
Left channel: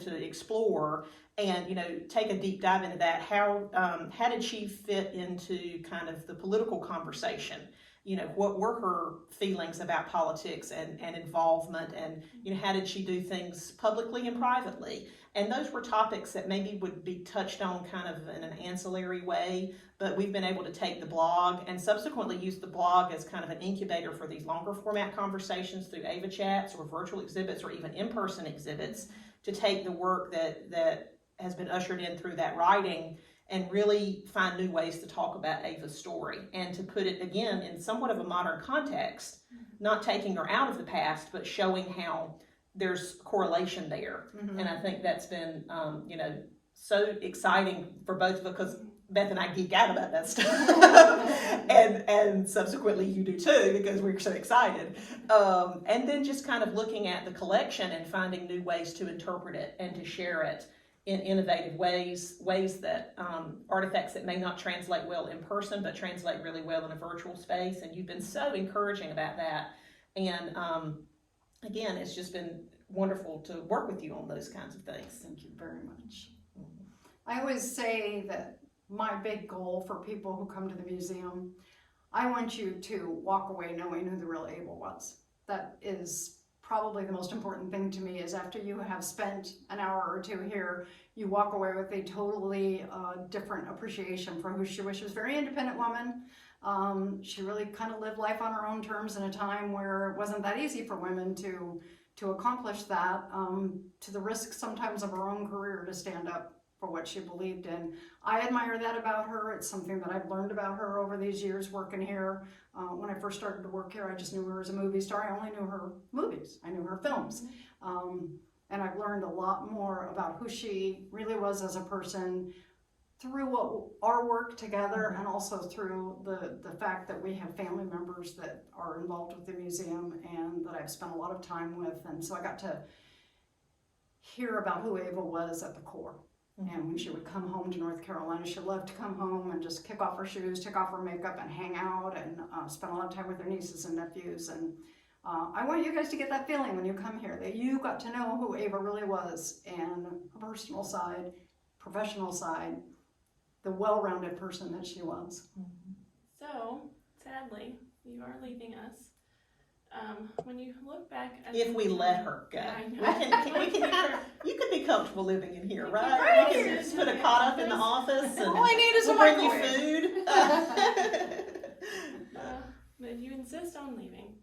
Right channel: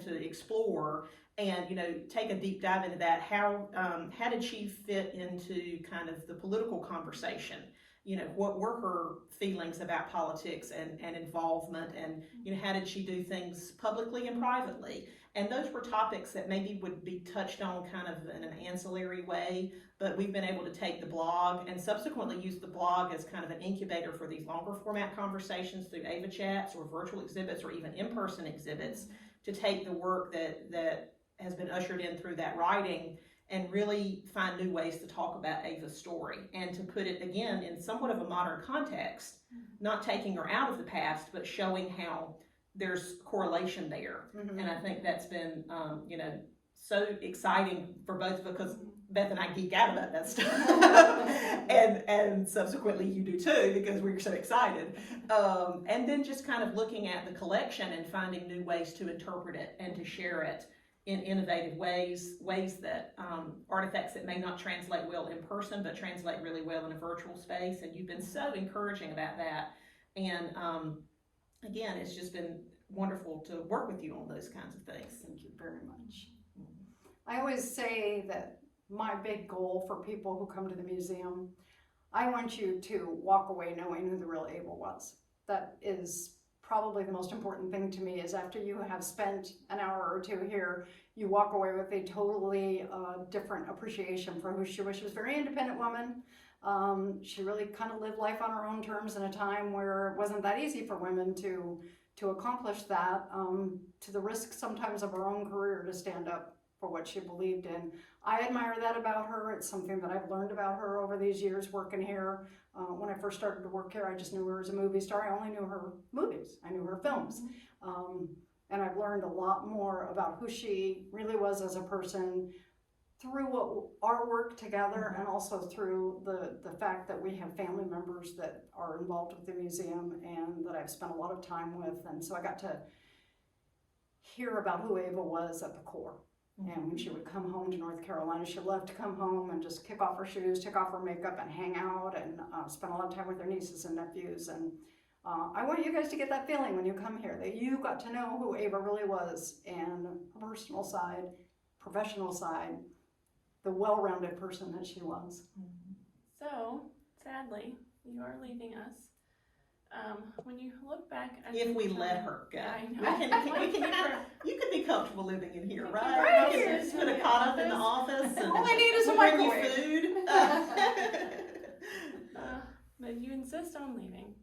to explore, and, take a deep dive into that. How did she fit into kind of the political conversation? What were her feelings about politics and involvement, and, how did she do things publicly and privately? And those were topics that maybe would be touched on kind of in an ancillary way, but we've been able to take the blog and subsequently use the blog as kind of an incubator for these longer format conversations through Ava Chats or virtual exhibits or even in-person exhibits, to take the work that has been ushered in through that writing and really find new ways to talk about Ava's story and to put it, again, in somewhat of a modern context, not taking her out of the past, but showing how there's correlation there. And I think that's been, so exciting for both of us, because Beth and I geek out about that stuff. and subsequently you do too, because we're so excited. And then just kind of looking at the collection and finding new ways to interpret it and to share it in innovative ways that artifacts that may not translate well in person, but translate really well in a virtual space. And you've been so encouraging about that. And again, it's just been wonderful to work with you on those kinds of things. Thank you very much. I always say that my big goal for people who come to the museum, I want you to walk away knowing who the real Ava was. That is probably the most important thing to me, is after you have spent an hour or two here, you walk away with a totally different appreciation for who she was. She was a very independent woman. She really kind of lived life on her own terms in a time where it wasn't that easy for women to accomplish that, to the risk sometimes of her own career to stand up for what she believed in. I admire that about her. It's something that I've learned about her over these years working here. When I first started to work here, I just knew her as a movie star. I only knew her movies. I knew her films. And I've learned a lot more about who she really was as a person through our work together, and also through the fact that we have family members that are involved with the museum and that I've spent a lot of time with. And so I got to hear about who Ava was at the core. And when she would come home to North Carolina, she loved to come home and just kick off her shoes, take off her makeup, and hang out and spend a lot of time with her nieces and nephews. And I want you guys to get that feeling when you come here, that you got to know who Ava really was, and her personal side, professional side, the well-rounded person that she was. So, sadly, you are leaving us. When you look back at If we let her go. Yeah, I know. You could be comfortable living in here, right? Right You here. can just put a cot up in the office and All I need is a we'll bring you microwave. food. But you insist on leaving.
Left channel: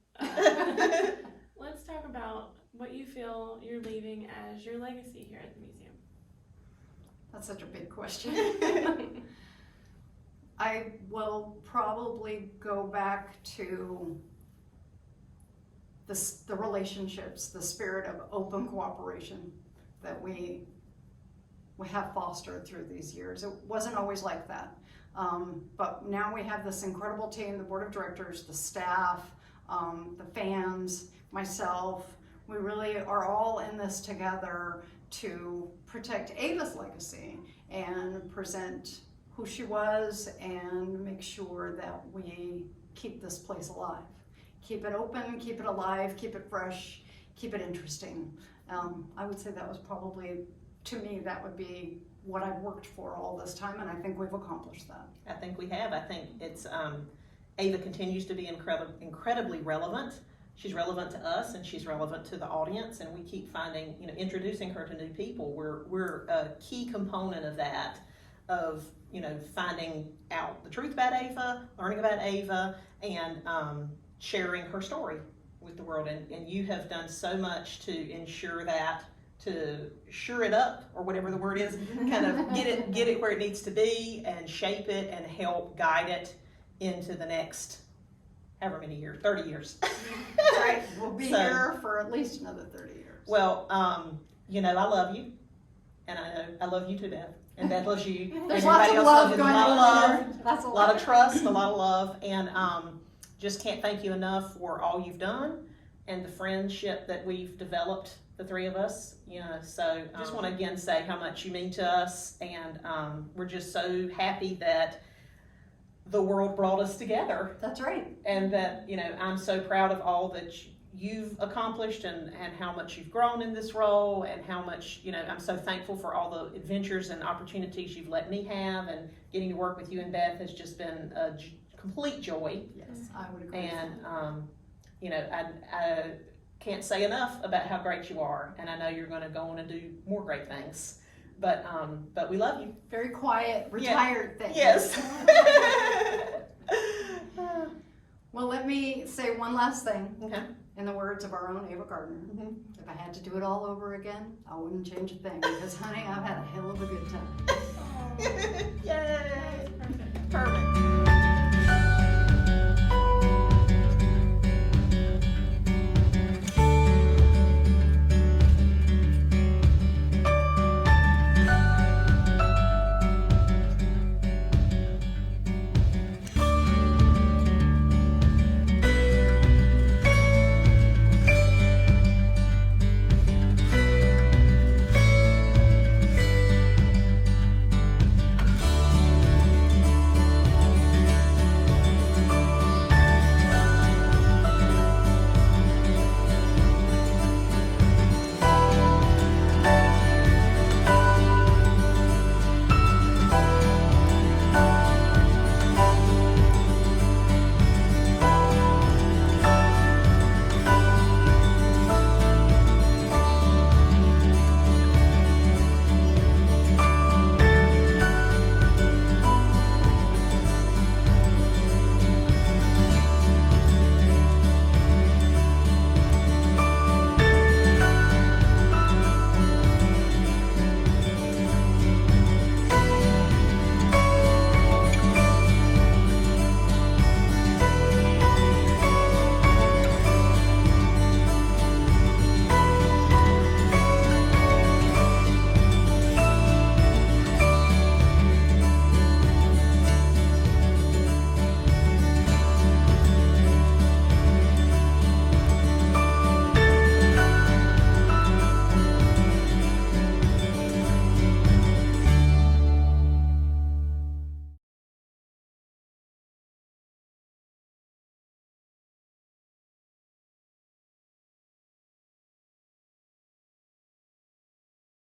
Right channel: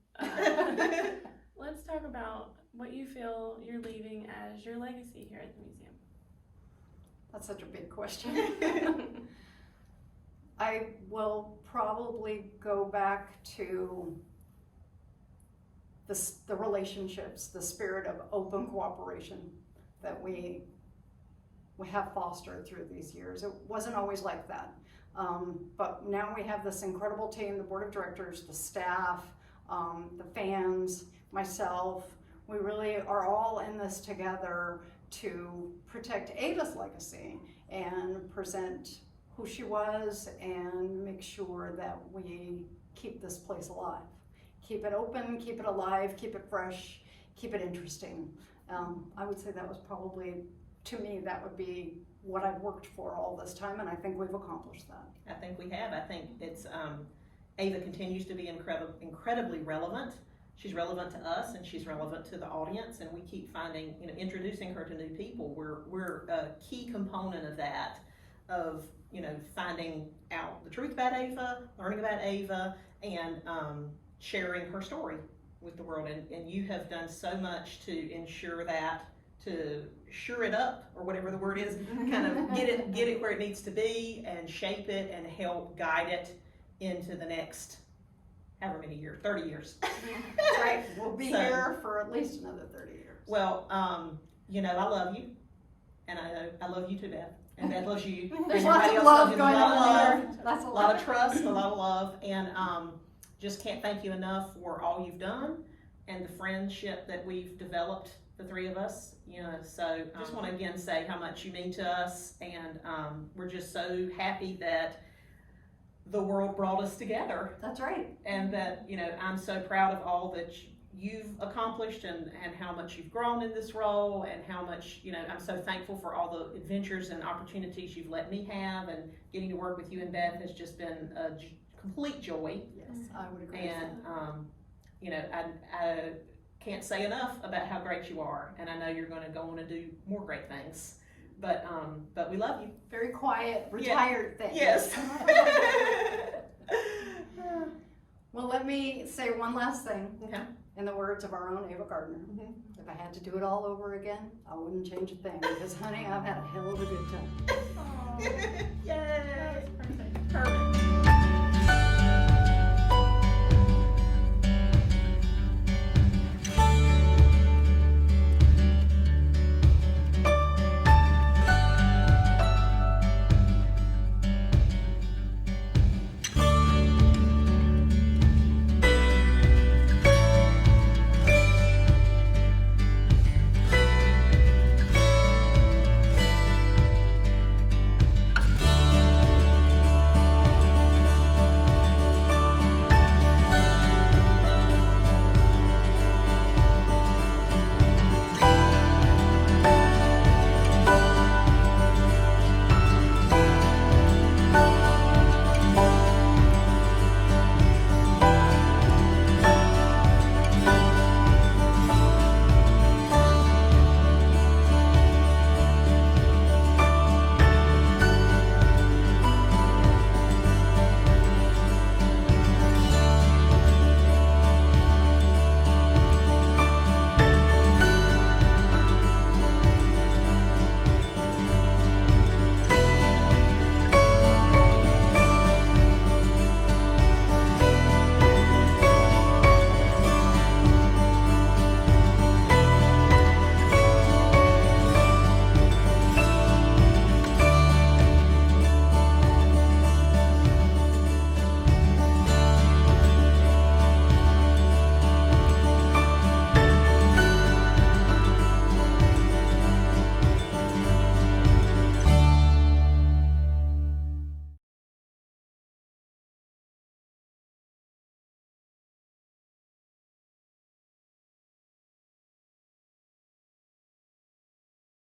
Let's talk about what you feel you're leaving as your legacy here at the museum. That's such a big question. I will probably go back to the relationships, the spirit of open cooperation that we have fostered through these years. It wasn't always like that. But now we have this incredible team, the board of directors, the staff, the fans, myself. We really are all in this together to protect Ava's legacy and present who she was and make sure that we keep this place alive. Keep it open, keep it alive, keep it fresh, keep it interesting. I would say that was probably, to me, that would be what I've worked for all this time, and I think we've accomplished that. I think we have. I think it's, Ava continues to be incredibly relevant. She's relevant to us and she's relevant to the audience, and we keep finding, introducing her to new people. We're a key component of that, of, finding out the truth about Ava, learning about Ava, and sharing her story with the world. And you have done so much to ensure that, to sure it up, or whatever the word is, kind of get it where it needs to be and shape it and help guide it into the next however many years, 30 years. That's right. We'll be here for at least another 30 years. Well, I love you, and I know I love you too, Beth, and Beth loves you. There's and lots everybody of else love loves you. going There's a lot on of there. love, That's a lot of trust, a lot of love, and just can't thank you enough for all you've done and the friendship that we've developed, the three of us. So I just want to again say how much you mean to us, and we're just so happy that the world brought us together. That's right. And that, I'm so proud of all that you've accomplished and how much you've grown in this role, and how much, I'm so thankful for all the adventures and opportunities you've let me have, and getting to work with you and Beth has just been a complete joy. Yes, I would agree. And, I can't say enough about how great you are, and I know you're going to go on and do more great things. But we love you. Very quiet, retired thing. Yes. Well, let me say one last thing. Okay. In the words of our own Ava Gardner. Mhm. If I had to do it all over again, I wouldn't change a thing, because honey, I've had a hell of a good time. Aw, Yay. that was perfect. Perfect.